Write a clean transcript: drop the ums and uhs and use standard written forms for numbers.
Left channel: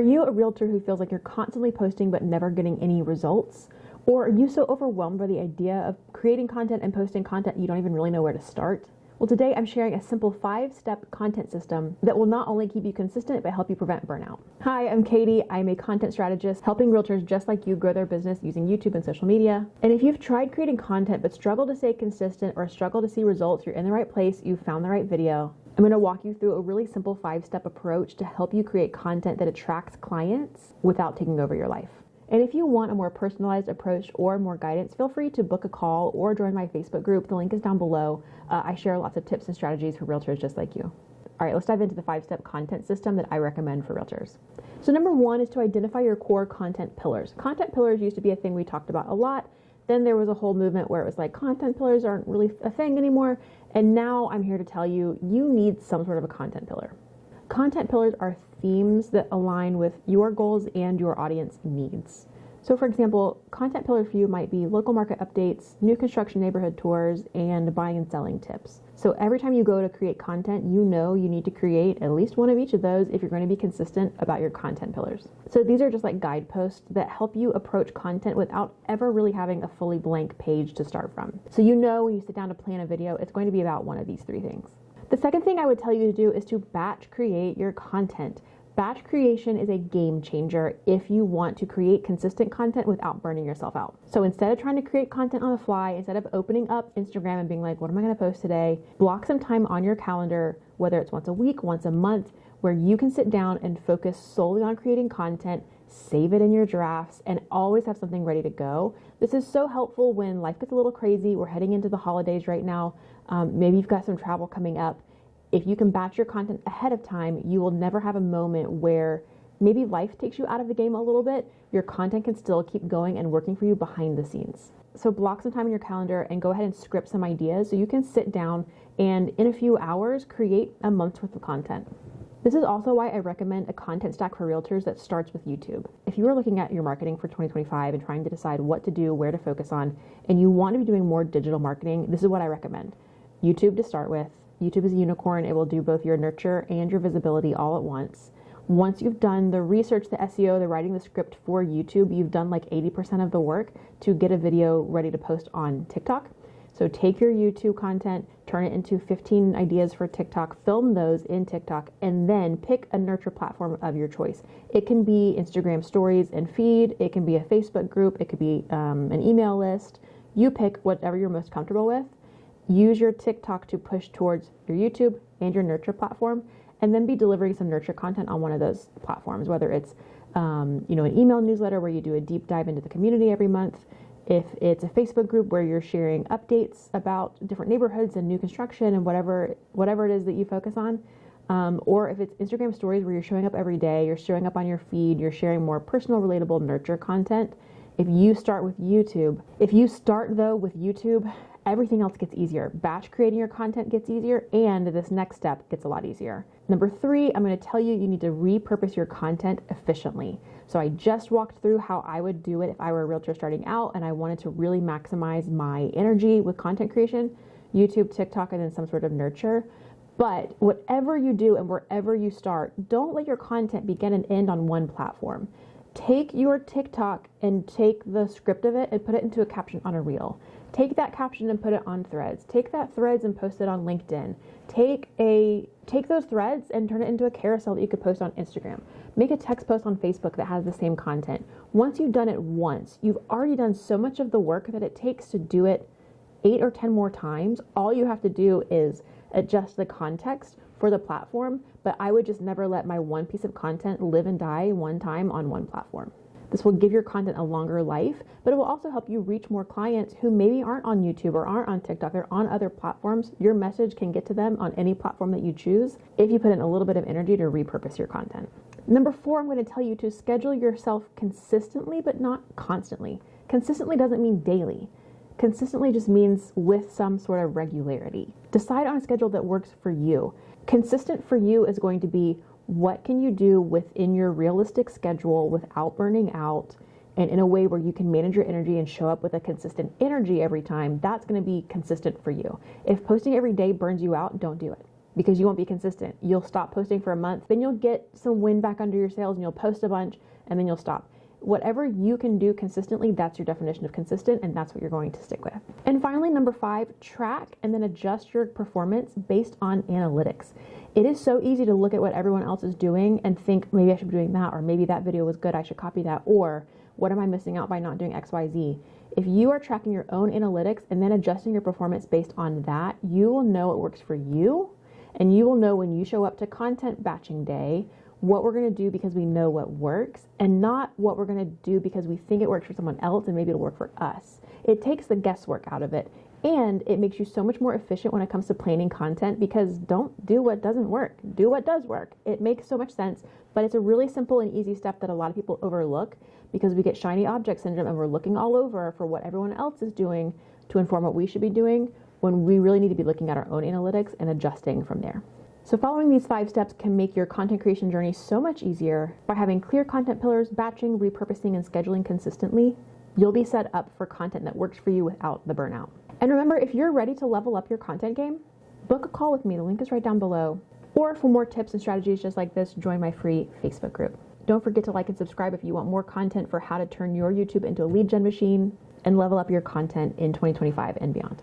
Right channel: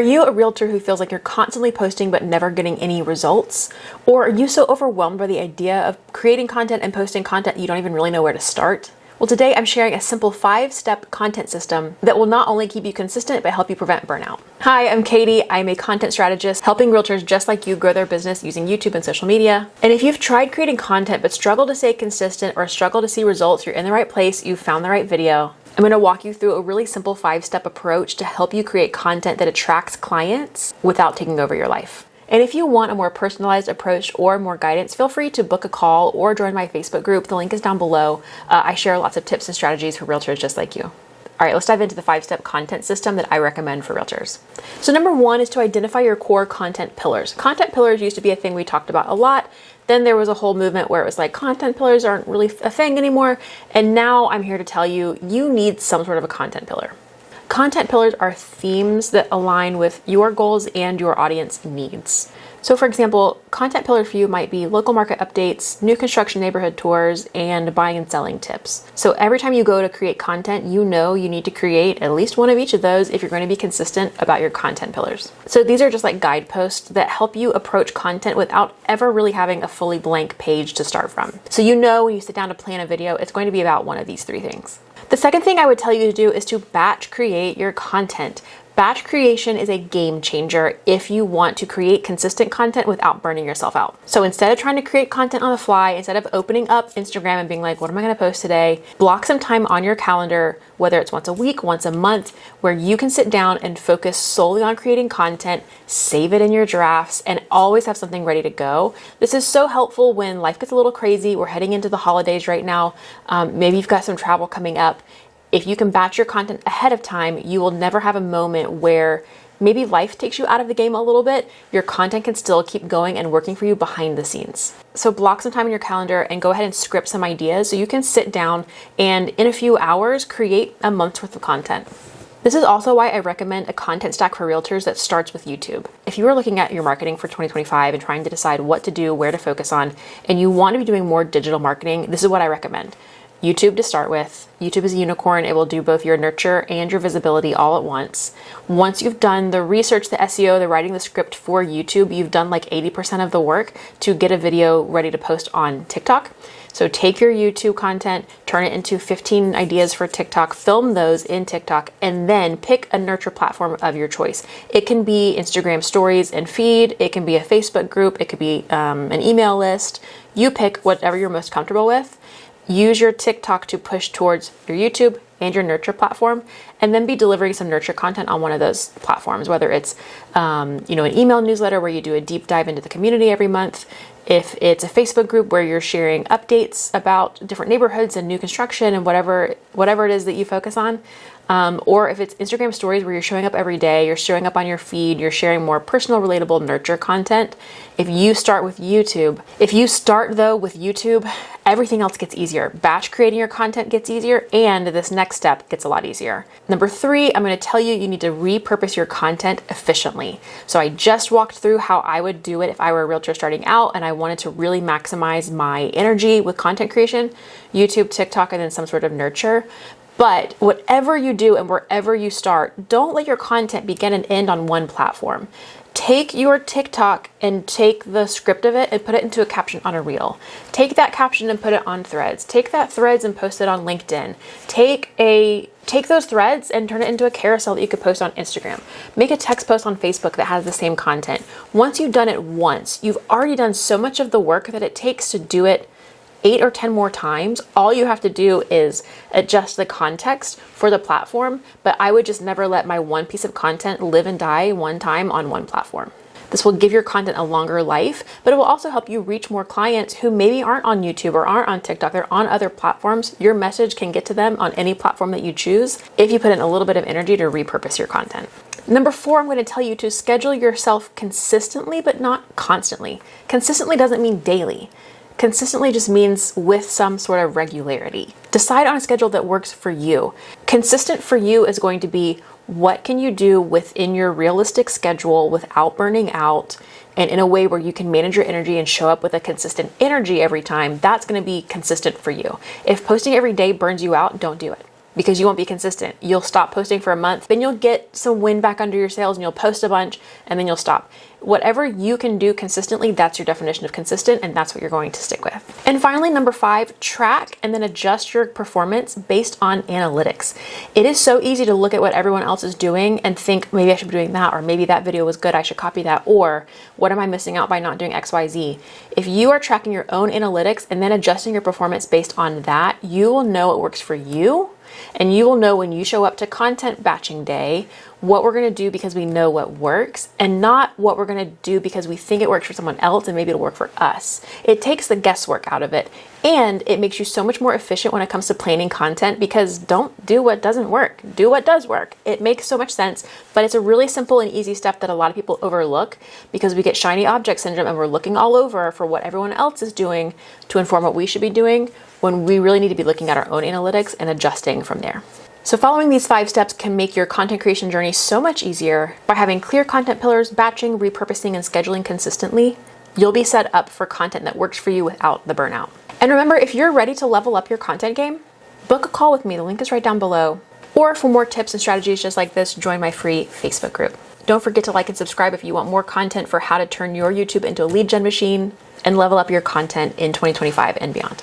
Are you a realtor who feels like you're constantly posting but never getting any results? Or are you so overwhelmed by the idea of creating content and posting content you don't even really know where to start? Well, today I'm sharing a simple 5-step content system that will not only keep you consistent, but help you prevent burnout. Hi, I'm Katie. I'm a content strategist helping realtors just like you grow their business using YouTube and social media. And if you've tried creating content but struggle to stay consistent or struggle to see results, you're in the right place, you've found the right video. I'm going to walk you through a really simple 5-step approach to help you create content that attracts clients without taking over your life. And if you want a more personalized approach or more guidance, feel free to book a call or join my Facebook group. The link is down below. I share lots of tips and strategies for realtors just like you. All right, let's dive into the 5-step content system that I recommend for realtors. So number 1 is to identify your core content pillars. Content pillars used to be a thing we talked about a lot. Then there was a whole movement where it was like content pillars aren't really a thing anymore. And now I'm here to tell you, you need some sort of a content pillar. Content pillars are themes that align with your goals and your audience needs. So for example, content pillars for you might be local market updates, new construction neighborhood tours, and buying and selling tips. So every time you go to create content, you know you need to create at least one of each of those if you're going to be consistent about your content pillars. So these are just like guideposts that help you approach content without ever really having a fully blank page to start from. So you know when you sit down to plan a video, it's going to be about one of these 3 things. The second thing I would tell you to do is to batch create your content. Batch creation is a game changer if you want to create consistent content without burning yourself out. So instead of trying to create content on the fly, instead of opening up Instagram and being like, what am I going to post today? Block some time on your calendar, whether it's once a week, once a month, where you can sit down and focus solely on creating content, save it in your drafts, and always have something ready to go. This is so helpful when life gets a little crazy. We're heading into the holidays right now. Maybe you've got some travel coming up. If you can batch your content ahead of time, you will never have a moment where maybe life takes you out of the game a little bit. Your content can still keep going and working for you behind the scenes. So block some time in your calendar and go ahead and script some ideas so you can sit down and in a few hours create a month's worth of content. This is also why I recommend a content stack for realtors that starts with YouTube. If you are looking at your marketing for 2025 and trying to decide what to do, where to focus on, and you want to be doing more digital marketing, this is what I recommend. YouTube to start with. YouTube is a unicorn. It will do both your nurture and your visibility all at once. Once you've done the research, the SEO, the writing the script for YouTube, you've done like 80% of the work to get a video ready to post on TikTok. So take your YouTube content, turn it into 15 ideas for TikTok, film those in TikTok, and then pick a nurture platform of your choice. It can be Instagram stories and feed. It can be a Facebook group. It could be an email list. You pick whatever you're most comfortable with. Use your TikTok to push towards your YouTube and your nurture platform, and then be delivering some nurture content on one of those platforms, whether it's an email newsletter where you do a deep dive into the community every month. If it's a Facebook group where you're sharing updates about different neighborhoods and new construction and whatever it is that you focus on. Or if it's Instagram stories where you're showing up every day, you're showing up on your feed, you're sharing more personal, relatable nurture content. If you start with YouTube, everything else gets easier. Batch creating your content gets easier, and this next step gets a lot easier. Number 3, I'm going to tell you, you need to repurpose your content efficiently. So I just walked through how I would do it if I were a realtor starting out and I wanted to really maximize my energy with content creation, YouTube, TikTok, and then some sort of nurture. But whatever you do and wherever you start, don't let your content begin and end on one platform. Take your TikTok and take the script of it and put it into a caption on a reel. Take that caption and put it on Threads. Take that Threads and post it on LinkedIn. Take those threads and turn it into a carousel that you could post on Instagram. Make a text post on Facebook that has the same content. Once you've done it once, you've already done so much of the work that it takes to do it 8 or 10 more times. All you have to do is adjust the context for the platform, but I would just never let my one piece of content live and die one time on one platform. This will give your content a longer life, but it will also help you reach more clients who maybe aren't on YouTube or aren't on TikTok. They're on other platforms. Your message can get to them on any platform that you choose if you put in a little bit of energy to repurpose your content. Number 4, I'm going to tell you to schedule yourself consistently, but not constantly. Consistently doesn't mean daily. Consistently just means with some sort of regularity. Decide on a schedule that works for you. Consistent for you is going to be what can you do within your realistic schedule without burning out and in a way where you can manage your energy and show up with a consistent energy every time. That's going to be consistent for you. If posting every day burns you out, don't do it. because you won't be consistent. You'll stop posting for a month, then you'll get some wind back under your sails and you'll post a bunch and then you'll stop. Whatever you can do consistently, that's your definition of consistent, and that's what you're going to stick with. And finally, number 5, track and then adjust your performance based on analytics. It is so easy to look at what everyone else is doing and think, maybe I should be doing that, or maybe that video was good, I should copy that, or what am I missing out by not doing XYZ? If you are tracking your own analytics and then adjusting your performance based on that, you will know what works for you. And you will know when you show up to content batching day, what we're going to do because we know what works, and not what we're going to do because we think it works for someone else and maybe it'll work for us. It takes the guesswork out of it, and it makes you so much more efficient when it comes to planning content, because don't do what doesn't work, do what does work. It makes so much sense, but it's a really simple and easy step that a lot of people overlook because we get shiny object syndrome and we're looking all over for what everyone else is doing to inform what we should be doing, when we really need to be looking at our own analytics and adjusting from there. So following these 5 steps can make your content creation journey so much easier. By having clear content pillars, batching, repurposing, and scheduling consistently, you'll be set up for content that works for you without the burnout. And remember, if you're ready to level up your content game, book a call with me. The link is right down below. Or for more tips and strategies just like this, join my free Facebook group. Don't forget to like and subscribe if you want more content for how to turn your YouTube into a lead gen machine and level up your content in 2025 and beyond.